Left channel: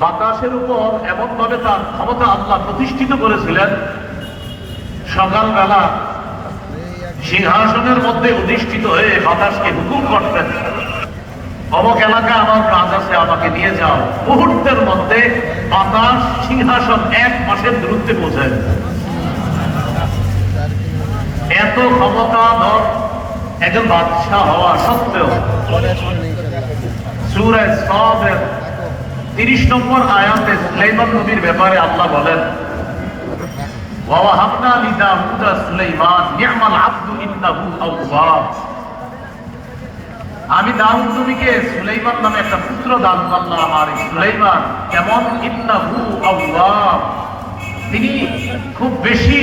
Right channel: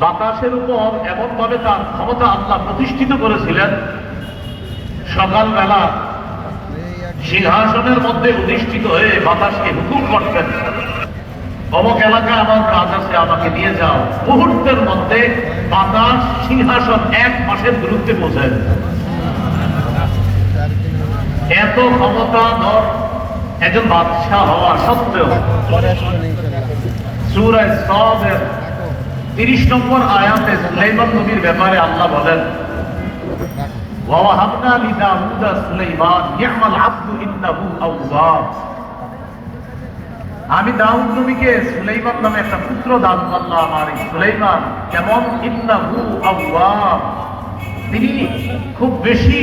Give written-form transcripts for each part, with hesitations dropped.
বাতাসের উপর এমন ভাবে তার ক্ষমতা আল্লাহ প্রতিষ্ঠিত করেছিলেন, সকালবেলা সিংহাসনের মধ্যে অধিষ্ঠিত হয়ে বাতাসকে হুকুম করতেন, অমুক এলাকায় আমার কাজ আছে, আমাকে নিয়ে যাও। মুহূর্তের মধ্যে বাতাস সিংহাসন 1 মাসের দূরত্বে পৌঁছায়। এত ক্ষমতাধর একজন বাদশাহ হওয়া সত্ত্বেও সূরা সাদের 30 নম্বর আয়াতে সুলাইমান নবীর ব্যাপারে আল্লাহ বলেন, ওয়াহাবনা লিদাউদা সুলাইমান নি'মাল আবদু ইন্নাহু আওয়াব। আমি দাউদ নবীকে সুলাইমান নামে একটা পুত্র দান করলাম, আর সুলাইমান কেমন, ইন্নাহু আওয়াব, তিনি খুব বেশি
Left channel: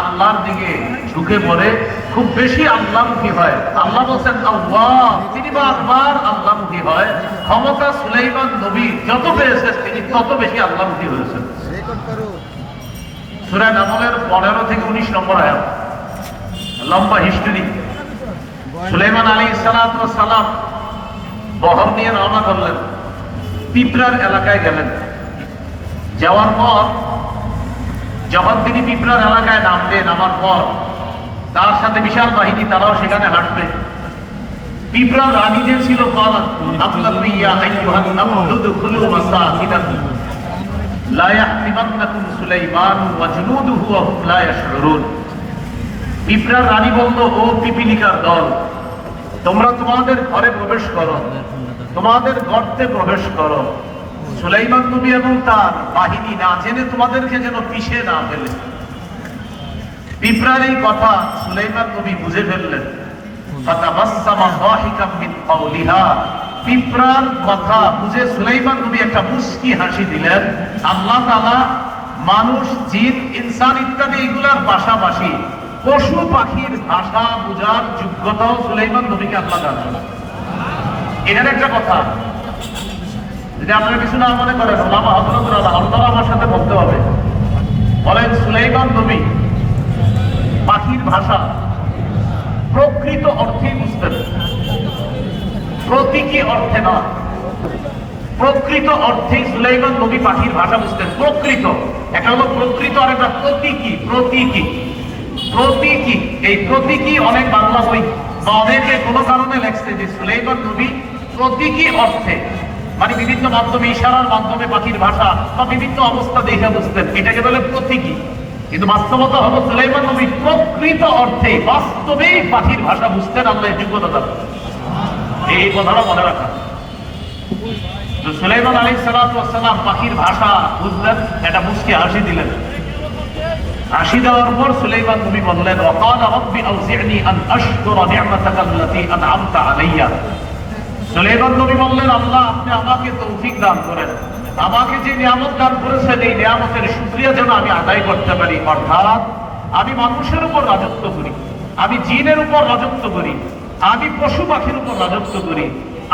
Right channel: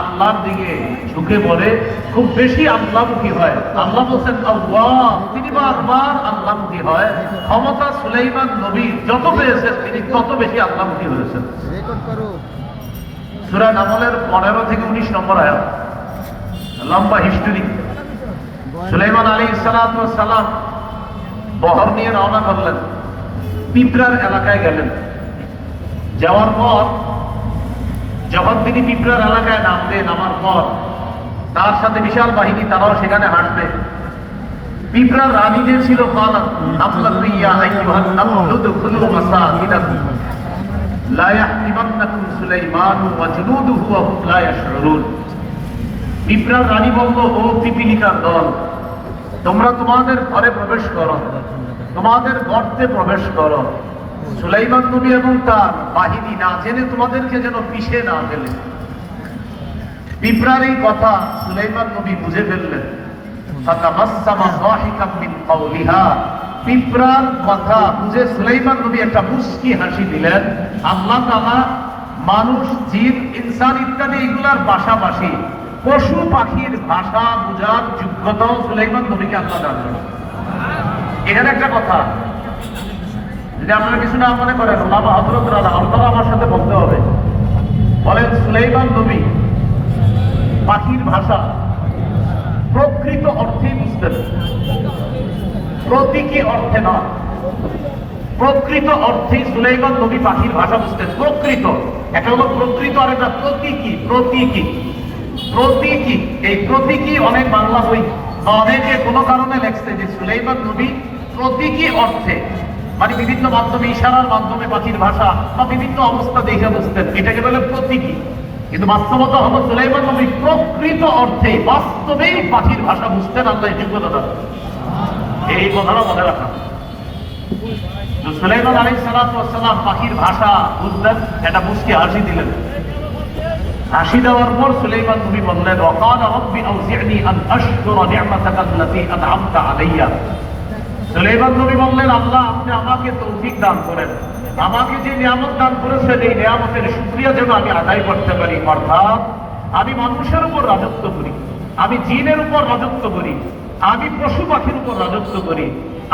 আল্লাহর দিকে ঝুঁকে পড়ে, খুব বেশি আল্লাহমুখী হয়। আল্লাহ বলছেন আওয়াব, তিনি বারবার আল্লাহমুখী হয়। ক্ষমতা সুলাইমান নবী যত বেড়েছে তিনি তত বেশি আল্লাহমুখী হয়েছেন। সূরা নামলের 15 থেকে 19 নম্বর আয়াত, লম্বা হিস্ট্রি। সুলাইমান আলাইহিস সালাম বহর নিয়ে রওনা করলেন, পিঁপড়ার এলাকায় গেলেন। যাওয়ার পর যখন তিনি পিঁপড়ার এলাকায় নামার পর তার সাথে বিশাল বাহিনী, তারাও সেখানে হাঁটবে। পিঁপড়ার রানী যে ছিল, পিঁপড়ার রানী বলল, ও পিপিলিকার দল, তোমরা তোমাদের ঘরে প্রবেশ করো, তোমাদের গর্তে প্রবেশ করো। সুলাইমান নবী এবং তার বাহিনী না জেনে তোমাদেরকে যেন পিষে না ফেলে। পিঁপড়ার এই কথা সুলাইমান নবী বুঝে ফেললেন। পিঁপড়ার কথা বুঝে সুলাইমান নবী একটা মুস্কি হাসি দিলেন। আল্লাহ তাআলা মানুষ, জিন, ইনসান ইত্যাদি এগুলার পাশাপাশি পশু পাখির ভাষা বোঝার যোগ্যতা সুলাইমান নবীকে আল্লাহ দান করেন। এখানে একটা কথা, যদি আপনারা কিছু না মনে করেন, ওলামা হযরতুল আল্লাহ আপনারা আমার সাথে বলতে হবে। বলেন, সুলাইমান নবী পাখির ভাষা প্রকৃত অর্থেই বুঝতেন, প্রতীকী অর্থে নয়। প্রকৃত অর্থে সুলাইমান নবী পাখির ভাষা বুঝতেন, প্রকৃত। একটা হলো প্রকৃত আর একটা প্রতীকী। প্রতীকী, এই প্রতীকী অনেক বাংলা বই অনেকে কোনো কারণে লেখছে যে সুলাইমান নবী প্রতীকী অর্থে, মানে বিভিন্ন মাধ্যমে, ইশারার মাধ্যমে পাখির ভাষা বা বিভিন্ন অবস্থা দেখে বুঝতেন, এটাকে বলে প্রতীকী। কিন্তু বাস্তবতা হলো সুলাইমান নবী প্রকৃত অর্থে বাস্তবেই পাখির ভাষা বুঝতেন। আল্লাহ এই যোগ্যতা দেন, এই কথাটা মনে রাখা। সুলাইমান আলাইহিস সালাম পাখির ভাষা বুঝলেন, একটা মুস্কি হাসি দিলেন। হাসি দেওয়ার পর সুলাইমান নবী বললেন, ওয়াকালা রাব্বি আউজি'নি আন আশকুরা নি'মাতাকা আল্লাতী আন'আমতা আলাইয়া। সুলাইমান নবী বললেন, আল্লাহ আপনি আমাকে তৌফিক দান করেন, আমাকে যে নিয়ামত দান করেছেন এই নিয়ামতের শুকরিয়া যেন আমি আদায় করতে পারি। অর্থাৎ আমি মানুষের উপর রাজত্ব করি, আমি জিনের উপর রাজত্ব করি, আমি পশু পাখির উপর রাজত্ব করি।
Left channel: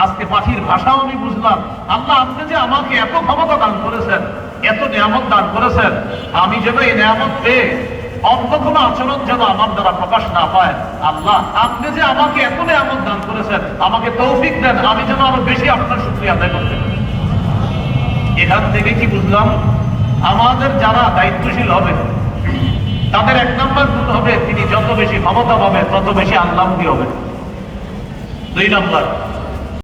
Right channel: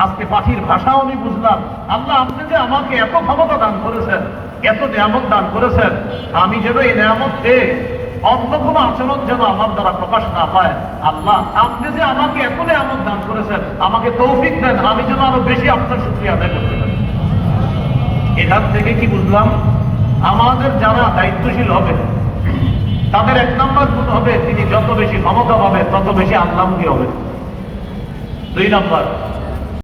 আজকে পাখির ভাষাও আমি বুঝলাম। আল্লাহ আপনি যে আমাকে এত ক্ষমতা দান করেছেন, এত নিয়ামত দান করেছেন, আমি যেন এই নিয়ামত পেয়ে অন্য কোনো আচরণ যেন আমার দ্বারা প্রকাশ না পায়। আল্লাহ আপনি যে আমাকে এত নিয়ামত দান করেছেন, আমাকে তৌফিক দেন, আমি যেন আরো বেশি আপনার শুকরিয়া আদায় করতে পারি। এখান থেকে কি বুঝলাম, আমাদের যারা দায়িত্বশীল হবে তাদের 1 নম্বর গুণ হবে, তিনি যত বেশি ক্ষমতা পাবে তত বেশি আল্লাহমুখী হবে। 2 নম্বর,